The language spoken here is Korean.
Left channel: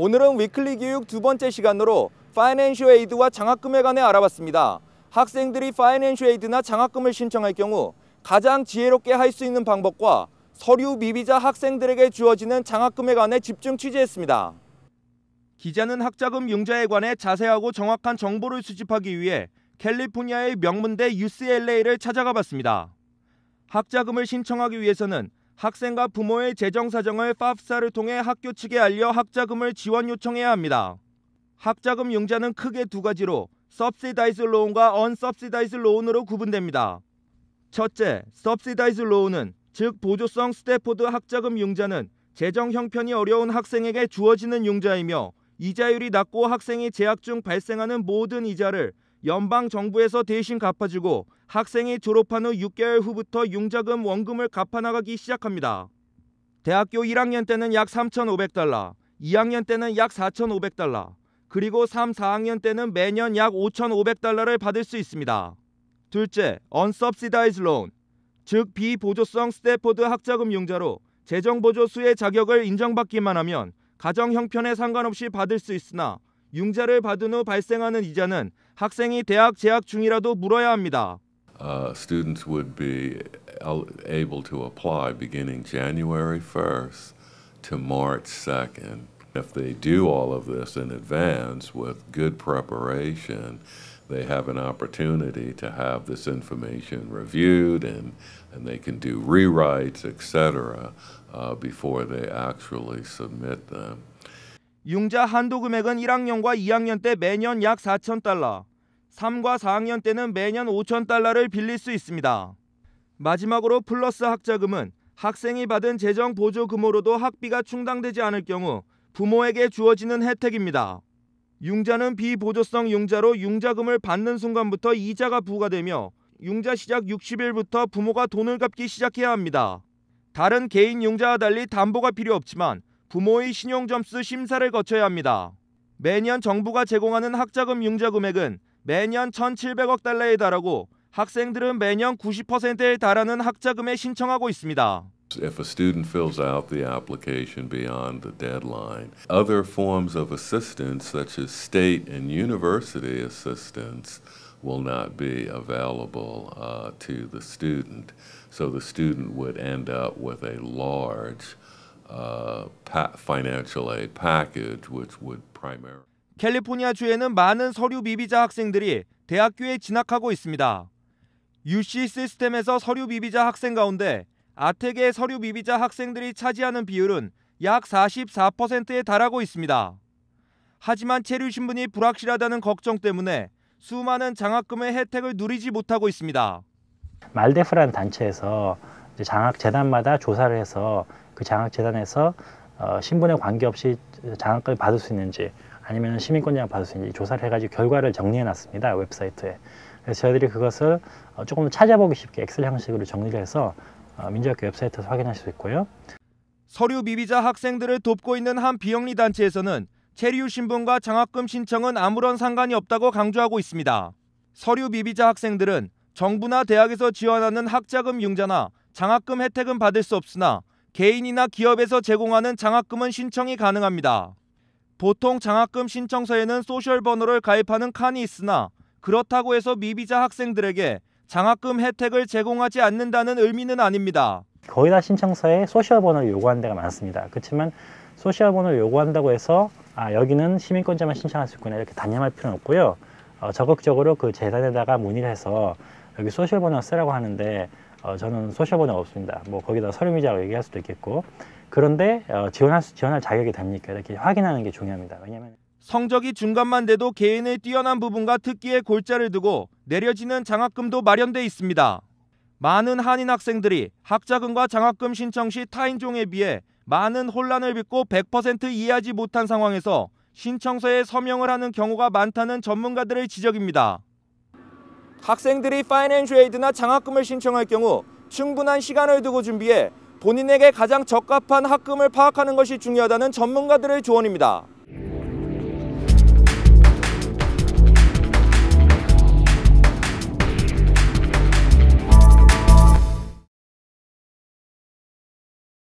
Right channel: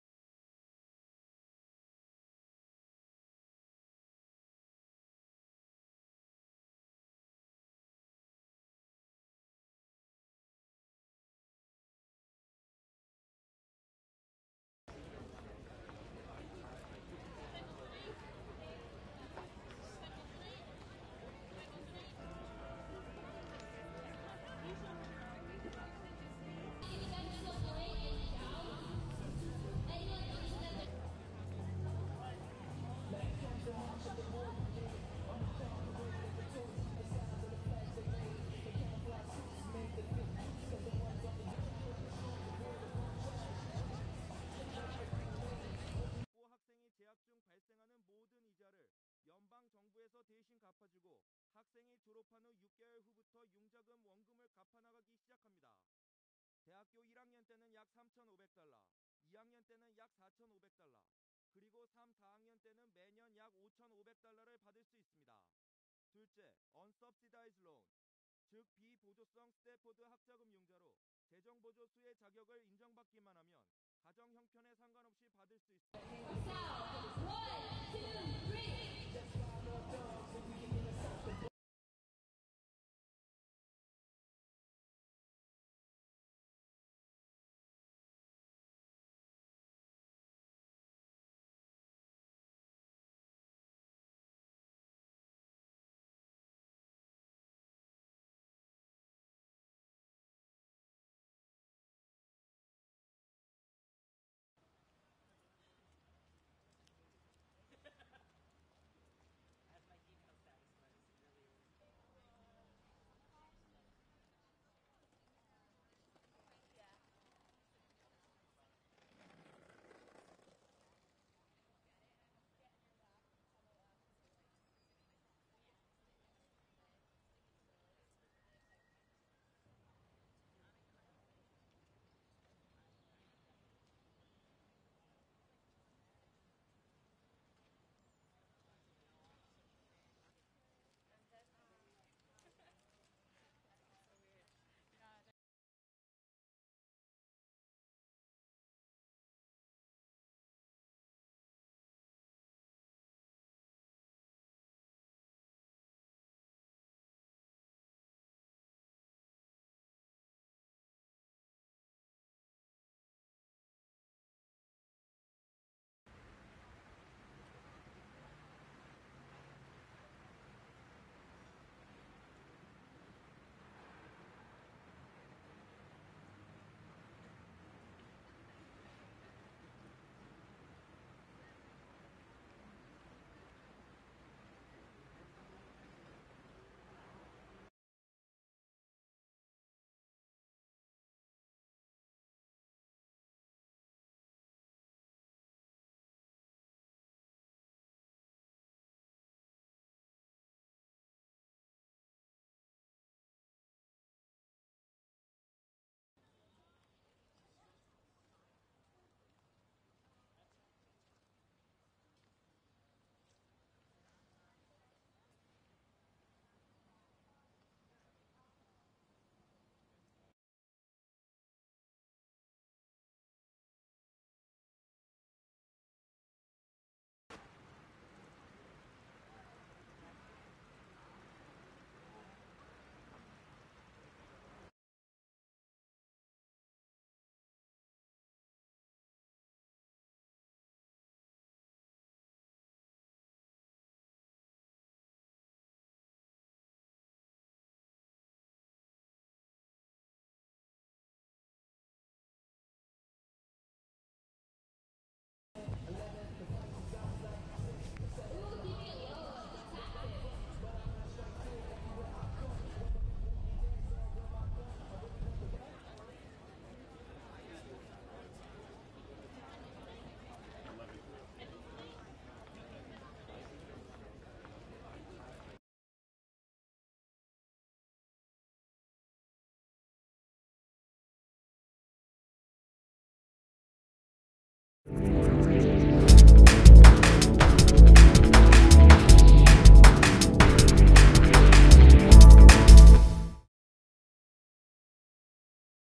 오늘은 위클리 교육 두 번째 시간으로 파이낸셜 에이드와 장학금에 관해 알아봤습니다. 학생들이 파이낸셜 에이드나 장학금을 신청할 경우 가장 지혜롭게 할 수 있는 방법과 서류 미비자 학생들에게 주어지는 장학금에 관해 집중 취재했습니다. 기자는 학자금 융자에 관해 자세하고 정확한 정보를 수집하기 위해 캘리포니아의 명문대 UCLA를 찾아가 봤습니다. 학자금을 신청하기 위해서는 학생과 부모의 재정 사정을 FAFSA를 통해 학교 측에 알려 학자금을 지원 요청해야 합니다. 학자금 융자는 크게 두 가지로 Subsidized Loan과 Unsubsidized Loan으로 구분됩니다. 첫째, Subsidized Loan은 즉 보조성 스태포드 학자금 융자는 재정 형편이 어려운 학생에게 주어지는 융자이며 이자율이 낮고 학생이 재학 중 발생하는 모든 이자를 연방 정부에서 대신 갚아주고 학생이 졸업한 후 6개월 후부터 융자금 원금을 갚아나가기 시작합니다. 대학교 1학년 때는 약 $3,500, 2학년 때는 약 $4,500, 그리고 3, 4학년 때는 매년 약 $5,500를 받을 수 있습니다. 둘째, Unsubsidized Loan, 즉 비보조성 스태포드 학자금 융자로 재정보조수의 자격을 인정받기만 하면 가정 형편에 상관없이 받을 수 있으나 융자를 받은 후 발생하는 이자는 학생이 대학 재학 중이라도 물어야 합니다. Students would be able to apply beginning January 1st to March 2nd. If they do all of this in advance with good preparation, they have an opportunity to have this information reviewed and they can do rewrites, etc. Before they actually submit them. 융자 한도 금액은 1학년과 2학년 때 매년 약 $4,000, 3과 4학년 때는 매년 $5,000를 빌릴 수 있습니다. 마지막으로 플러스 학자금은 학생이 받은 재정 보조금으로도 학비가 충당되지 않을 경우 부모에게 주어지는 혜택입니다. 융자는 비보조성 융자로 융자금을 받는 순간부터 이자가 부과되며 융자 시작 60일부터 부모가 돈을 갚기 시작해야 합니다. 다른 개인 융자와 달리 담보가 필요 없지만 부모의 신용점수 심사를 거쳐야 합니다. 매년 정부가 제공하는 학자금 융자 금액은 매년 $1,700억 달하고 학생들은 매년 90%에 달하는 학자금에 신청하고 있습니다. If a student fills out the application beyond the deadline, other forms of assistance such as state and university assistance will not be available to the student. So the student would end up with a large financial aid package which would primarily 캘리포니아주에는 많은 서류 미비자 학생들이 대학교에 진학하고 있습니다. UC 시스템에서 서류 미비자 학생 가운데 아텍의 서류 미비자 학생들이 차지하는 비율은 약 44%에 달하고 있습니다. 하지만 체류 신분이 불확실하다는 걱정 때문에 수많은 장학금의 혜택을 누리지 못하고 있습니다. 말데프라는 단체에서 장학재단마다 조사를 해서 그 장학재단에서 신분에 관계없이 장학금을 받을 수 있는지 아니면 시민권자를 받을 수 있는지 조사를 해가지고 결과를 정리해놨습니다. 웹사이트에. 그래서 저희들이 그것을 조금 더 찾아보기 쉽게 엑셀 형식으로 정리를 해서 민주학교 웹사이트에서 확인하실 수 있고요. 서류 미비자 학생들을 돕고 있는 한 비영리 단체에서는 체류 신분과 장학금 신청은 아무런 상관이 없다고 강조하고 있습니다. 서류 미비자 학생들은 정부나 대학에서 지원하는 학자금 융자나 장학금 혜택은 받을 수 없으나 개인이나 기업에서 제공하는 장학금은 신청이 가능합니다. 보통 장학금 신청서에는 소셜 번호를 가입하는 칸이 있으나 그렇다고 해서 미비자 학생들에게 장학금 혜택을 제공하지 않는다는 의미는 아닙니다. 거의 다 신청서에 소셜 번호를 요구하는 데가 많습니다. 그렇지만 소셜 번호를 요구한다고 해서 여기는 시민권자만 신청할 수 있구나 이렇게 단념할 필요는 없고요. 적극적으로 그 재단에다가 문의를 해서 여기 소셜 번호 쓰라고 하는데 저는 소셜 번호가 없습니다. 뭐 거기다 서류미자라고 얘기할 수도 있겠고 그런데 지원할 자격이 됩니까? 이렇게 확인하는 게 중요합니다. 왜냐하면 성적이 중간만 돼도 개인의 뛰어난 부분과 특기에 골자를 두고 내려지는 장학금도 마련돼 있습니다. 많은 한인 학생들이 학자금과 장학금 신청 시 타인종에 비해 많은 혼란을 빚고 100% 이해하지 못한 상황에서 신청서에 서명을 하는 경우가 많다는 전문가들의 지적입니다. 학생들이 파이낸셜 에이드나 장학금을 신청할 경우 충분한 시간을 두고 준비해 본인에게 가장 적합한 학금을 파악하는 것이 중요하다는 전문가들의 조언입니다.